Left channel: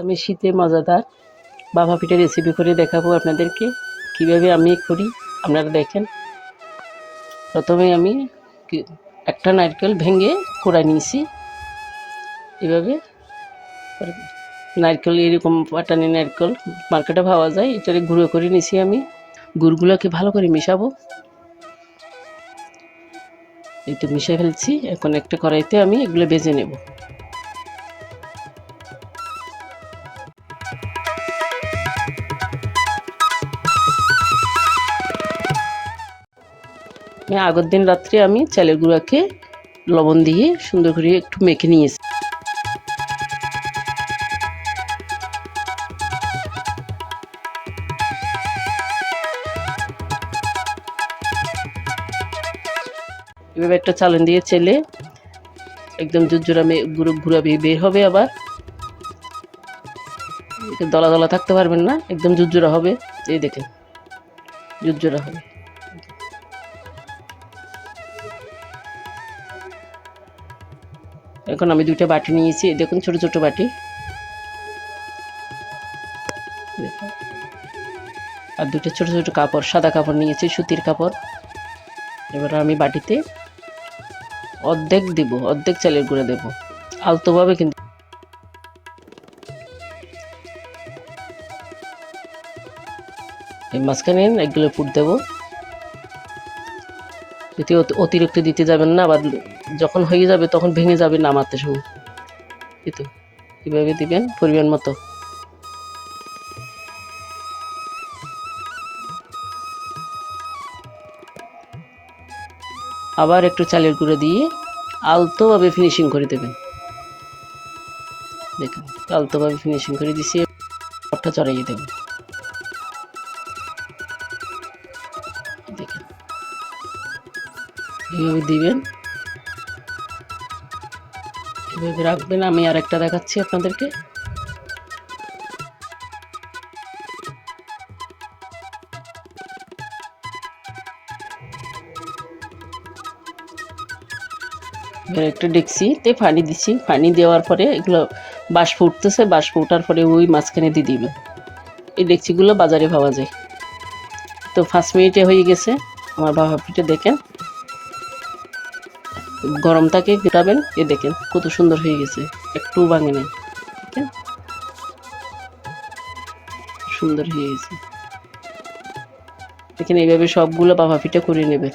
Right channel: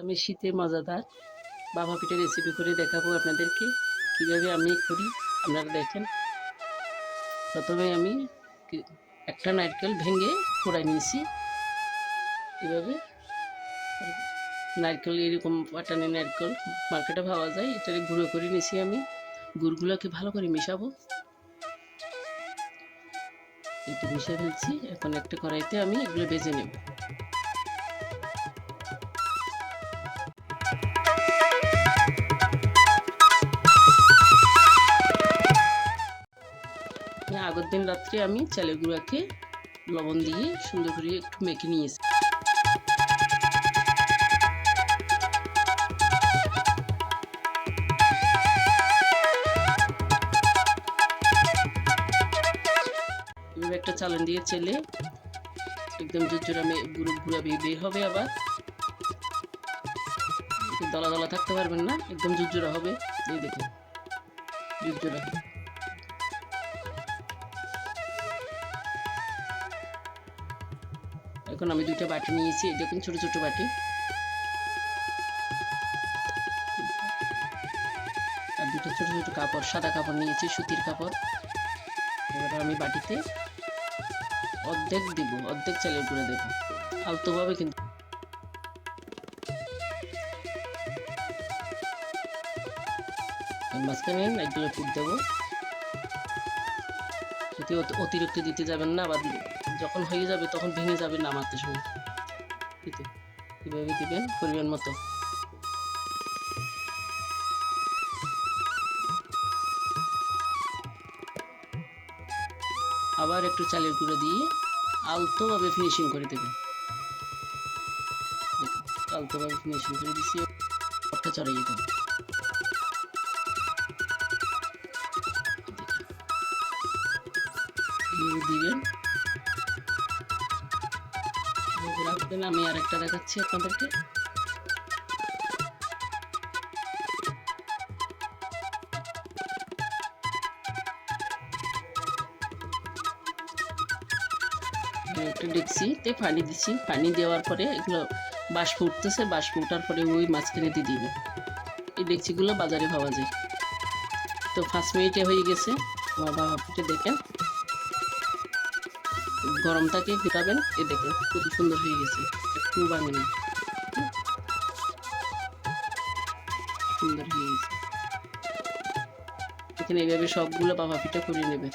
আমি শীতে মজাদার বাবা পিঠা রেসিপি করে দেখাবো আপনাদেরকে। কীভাবে আমি করি, আপনারা দেখেন। প্রথমে আমি একটা নারকেল ভেঙে কোড়া নিয়েছি। এভাবে নারকেল, এরকম পাটানি নারকেল মার্কেটে পাওয়া যায়, এটারে গুঁড়ো করে নিয়েছি আমি। গুড়গুলোকে ভালো করে মিশাবো। এটা মিশিয়ে ফেলছি, এখন একটা কড়াইতে আমি এগুলো বেজে নেব। আগের দিন রাত্রে আমি চালের গুঁড়াকে লবণ দিয়ে সুন্দর করে একটু মেখে নিয়েছি। এভাবে একটা চালন দিয়ে চেলে একদম জুজুরা গুঁড়ো, গুঁড়া বের হবে আবার। দলা দলা থাকতে পারবেন না, একদম জুজুরা হবে। এই দেখেন জুজুরা হবে। এখন আমি দুইটা বাটি নিয়েছি দেখুন ছোট ছোট বাটি। আর দুটো ছোট ছোট কাপড়, সাদা কাপড় নিয়েছি, সুতির কাপড়। এবার আমি বাটিতে অর্ধেক দেব, অর্ধেক চালের গুঁড়ো দেব। আলতোভাবে কিন্তু মাঝখানে এগুলো পুট দেবো। যদি অতিরিক্ত দিতে যাবেন না আবার যখন হয়ে যাবে তখন ভেঙে যাবে নামাতে সময়। এই তো। কীভাবে দিবেন পরিমাণ মতো। আবার একটু চালের গুঁড়ো দিয়ে আলতোভাবে ফিনিশিং করে দেবেন। দেখুন, আলতোভাবে ফিনিশিং করে দিছি সবটা চড়াইয়ে দেবেন এইভাবে দিবেন। রাখবেন, আমি আর একটা দেখাচ্ছি আপনাদেরকে। একটা ডেকচিতে পানি দিচ্ছি পানি দেওয়ার পরে এগুলো বাষ্প উঠতেছে, বাষ্প ওঠার পরে ওই মাঝখানে দিয়ে দিবে এই ডেকচিগুলো বাজারে পাওয়া যায়। তো পাঁচ মিনিটে হয়ে গেছে। আমার বাবা পিঠে দেখেন। গরমটাকে ফেটাবেন এ দেখেন কত সুন্দর হয়ে গেছে একটু ভাঙে নেই সুন্দর হয়ে গেছে। এখানে এইভাবে সবগুলো বাবা ফিটা করে নেবে